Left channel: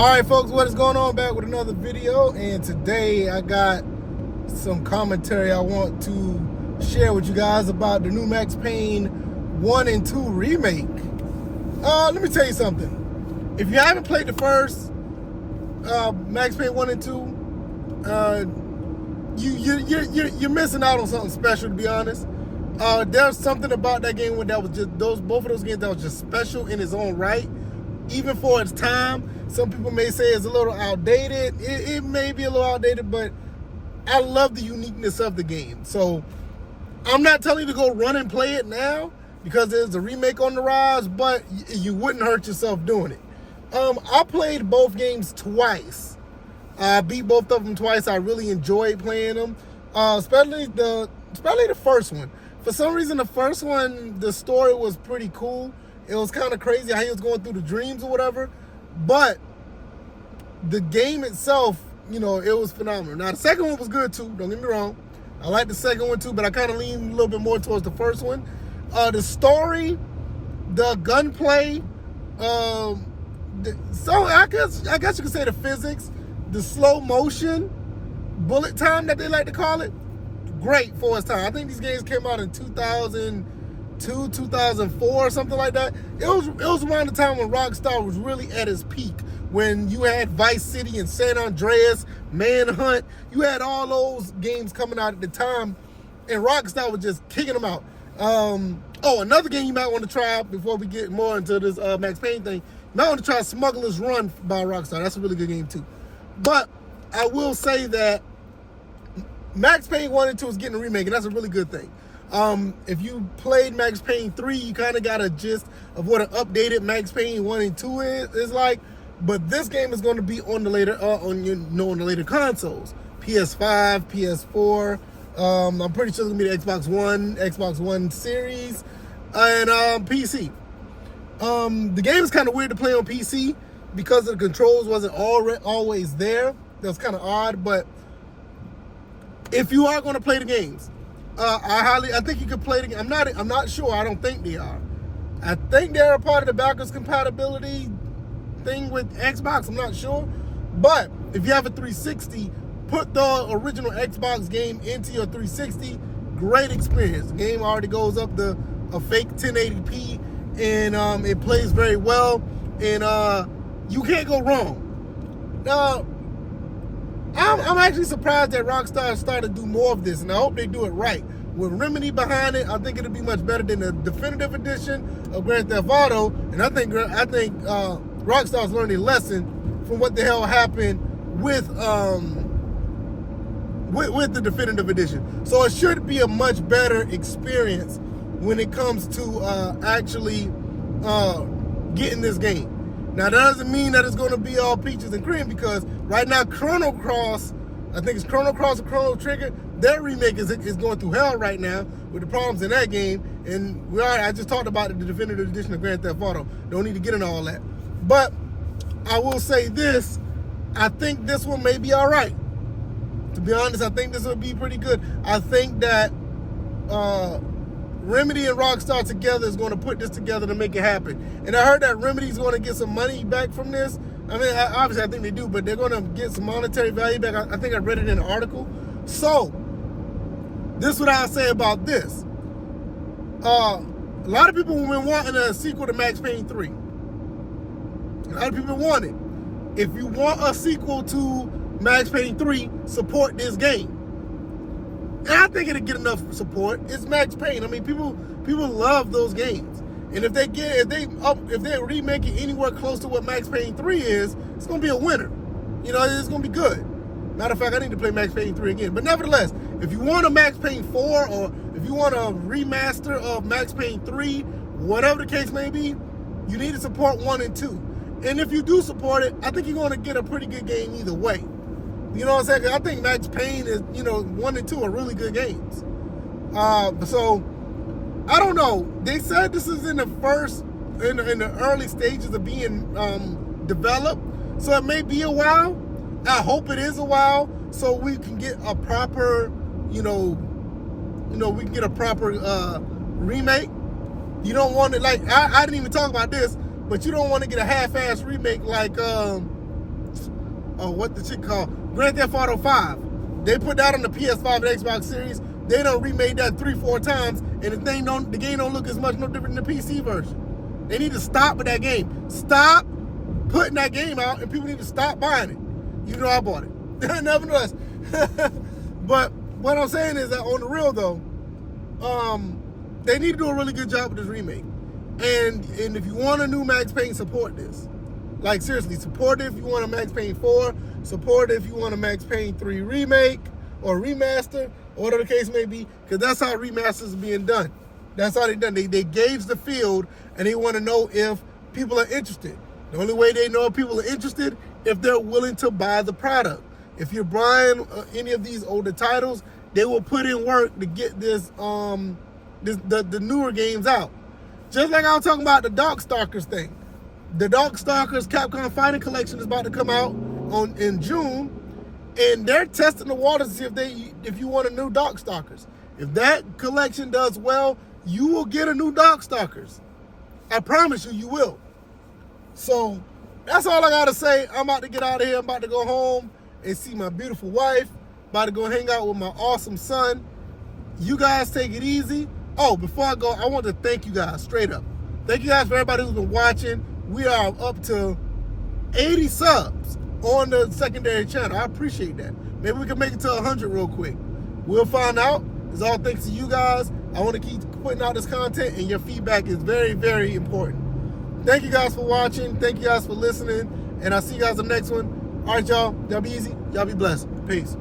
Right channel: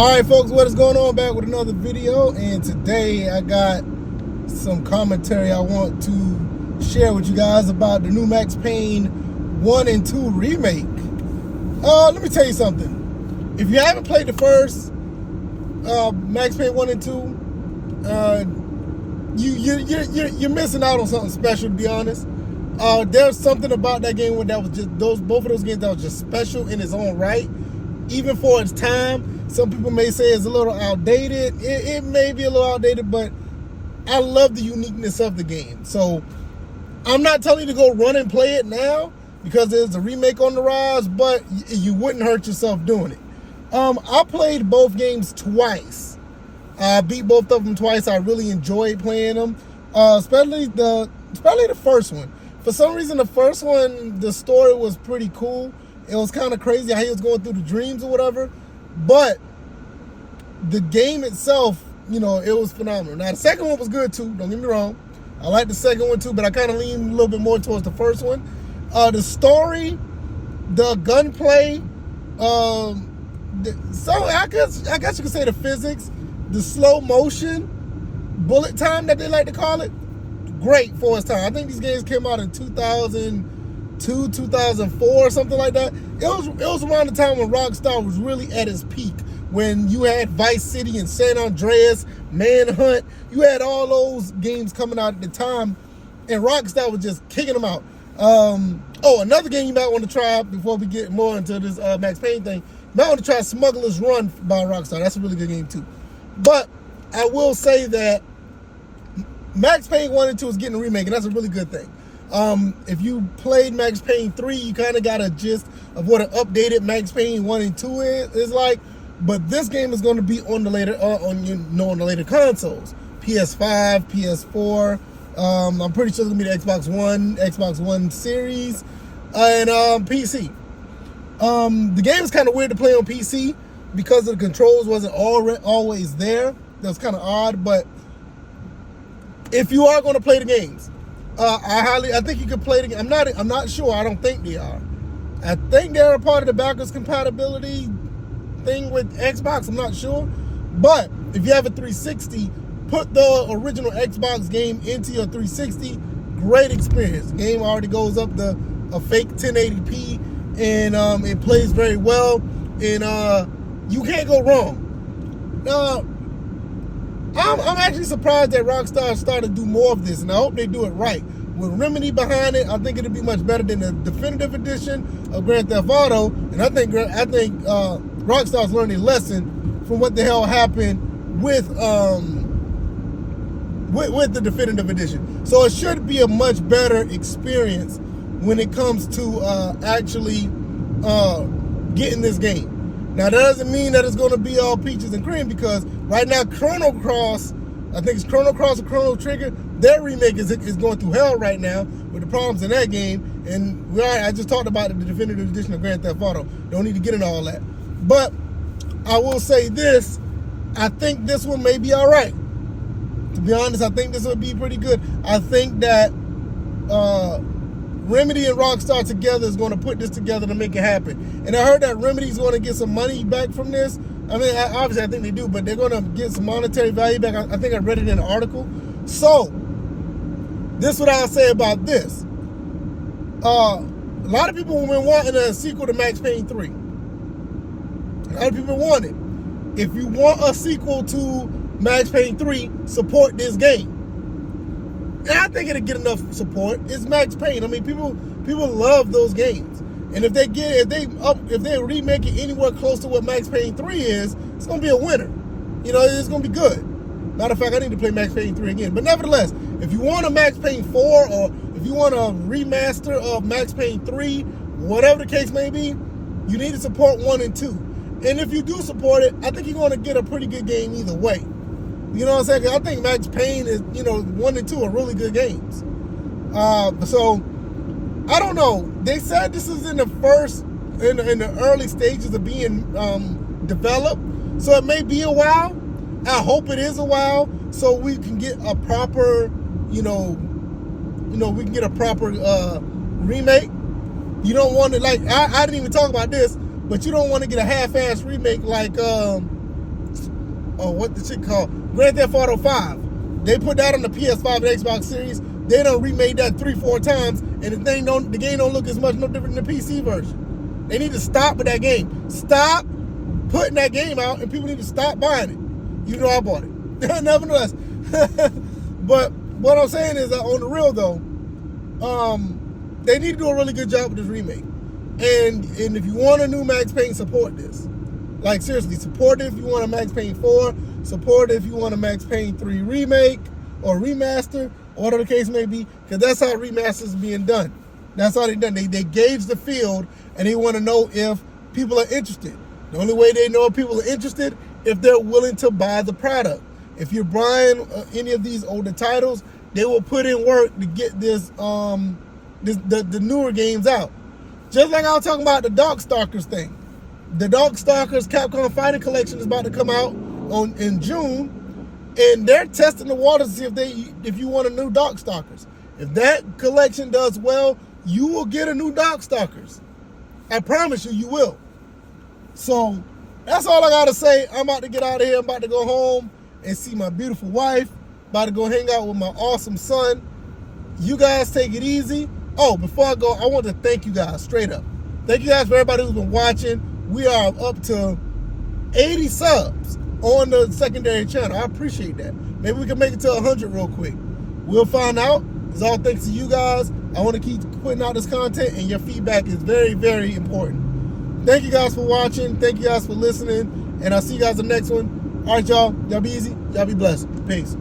Alright folks, what is going on? Back with another video, and today I got some commentary I want to share with you guys about the new Max Payne 1 and 2 remake. Let me tell you something. If you haven't played the first Max Payne 1 and 2, you're missing out on something special, to be honest. There's something about that game that was just both of those games that was just special in its own right, even for its time. Some people may say it's a little outdated. It may be a little outdated, but I love the uniqueness of the game. So I'm not telling you to go run and play it now because there's a remake on the rise, but you wouldn't hurt yourself doing it. I played both games twice. I beat both of them twice. I really enjoyed playing them, especially the first one. For some reason, the first one, the story was pretty cool. It was kind of crazy how he was going through the dreams or whatever. But the game itself, it was phenomenal. Now, the second one was good too, don't get me wrong. I like the second one too, but I kind of leaned a little bit more towards the first one. The story, the gunplay, so I guess you could say the physics, the slow motion, bullet time that they like to call it, great for its time. I think these games came out in 2002, 2004, something like that. It was around the time when Rockstar was really at its peak, when you had Vice City and San Andreas, Manhunt. You had all those games coming out at the time, and Rockstar was just kicking them out. Another game you might want to try before we get more into this Max Payne thing. You might want to try Smuggler's Run by Rockstar. That's a really good game too. But I will say that Max Payne 1 and 2 is getting a remake, and that's a really good thing. If you played Max Payne 3, you kind of got a gist of what an updated Max Payne 1 and 2 is like. But this game is going to be on the later consoles, PS5, PS4. I'm pretty sure it's going to be the Xbox One series, and PC. The game is kind of weird to play on PC because the controls wasn't always there. That's kind of odd. But if you are going to play the games, I think you could play the game. I'm not sure. I don't think they are. I think they're a part of the backwards compatibility thing with Xbox. I'm not sure. But if you have a 360, put the original Xbox game into your 360. Great experience. The game already goes up to a fake 1080p, and it plays very well, and you can't go wrong. Now, I'm actually surprised that Rockstar started to do more of this, and I hope they do it right. With Remedy behind it, I think it'll be much better than the definitive edition of Grand Theft Auto, and I think Rockstar's learning a lesson from what the hell happened with the definitive edition. So it should be a much better experience when it comes to actually getting this game. Now, that doesn't mean that it's going to be all peaches and cream, because right now Chrono Cross, I think it's Chrono Cross or Chrono Trigger, their remake is going through hell right now with the problems in that game. And I just talked about the definitive edition of Grand Theft Auto. Don't need to get into all that. But I will say this, I think this one may be all right. To be honest, I think this will be pretty good. I think that Remedy and Rockstar together is going to put this together to make it happen. And I heard that Remedy's going to get some money back from this. I mean, obviously I think they do, but they're going to get some monetary value back. I think I read it in an article. So, this is what I'll say about this. A lot of people have been wanting a sequel to Max Payne 3. A lot of people want it. If you want a sequel to Max Payne 3, support this game. And I think it'll get enough support. It's Max Payne. I mean, people love those games. And if they remake it anywhere close to what Max Payne 3 is, it's gonna be a winner. It's gonna be good. Matter of fact, I need to play Max Payne 3 again. But nevertheless, if you want a Max Payne 4, or if you want a remaster of Max Payne 3, whatever the case may be, you need to support 1 and 2. And if you do support it, I think you're going to get a pretty good game either way. You know what I'm saying? 'Cause I think Max Payne is, 1 and 2 are really good games. So, I don't know. They said this is in the early stages of being developed. So it may be a while. I hope it is a while, so we can get a proper, we can get a proper remake. You don't want to, like, I didn't even talk about this, but you don't want to get a half-ass remake like what the shit called? Grand Theft Auto 5. They put that on the PS5 and Xbox Series. They done remade that 3-4 times, and the game don't look as much no different than the PC version. They need to stop with that game. Stop putting that game out, and people need to stop buying it. You know I bought it. Nevertheless. But what I'm saying is that on the real though, they need to do a really good job with this remake. And if you want a new Max Payne, support this. Like seriously, support it if you want a Max Payne 4. Support it if you want a Max Payne 3 remake or remaster, or whatever the case may be, because that's how remasters are being done. That's how they're done. They gauge the field, and they want to know if people are interested. The only way they know if people are interested if they're willing to buy the product. If you're buying any of these older titles, they will put in work to get the newer games out. Just like I was talking about the Darkstalkers thing. The Darkstalkers Capcom Fighting Collection is about to come out in June, and they're testing the waters to see if you want a new Darkstalkers. If that collection does well, you will get a new Darkstalkers. I promise you, you will. So that's all I gotta say. I'm about to get out of here. I'm about to go home and see my beautiful wife. About to go hang out with my awesome son. You guys take it easy. Oh, before I go, I want to thank you guys straight up. Thank you guys for everybody who's been watching. We are up to 80 subs on the secondary channel. I appreciate that. Maybe we can make it to 100 real quick. We'll find out. It's all thanks to you guys. I want to keep putting out this content, and your feedback is very, very important. Thank you guys for watching. Thank you guys for listening, and I'll see you guys in the next one. All right, y'all. Y'all be easy. Y'all be blessed. Peace.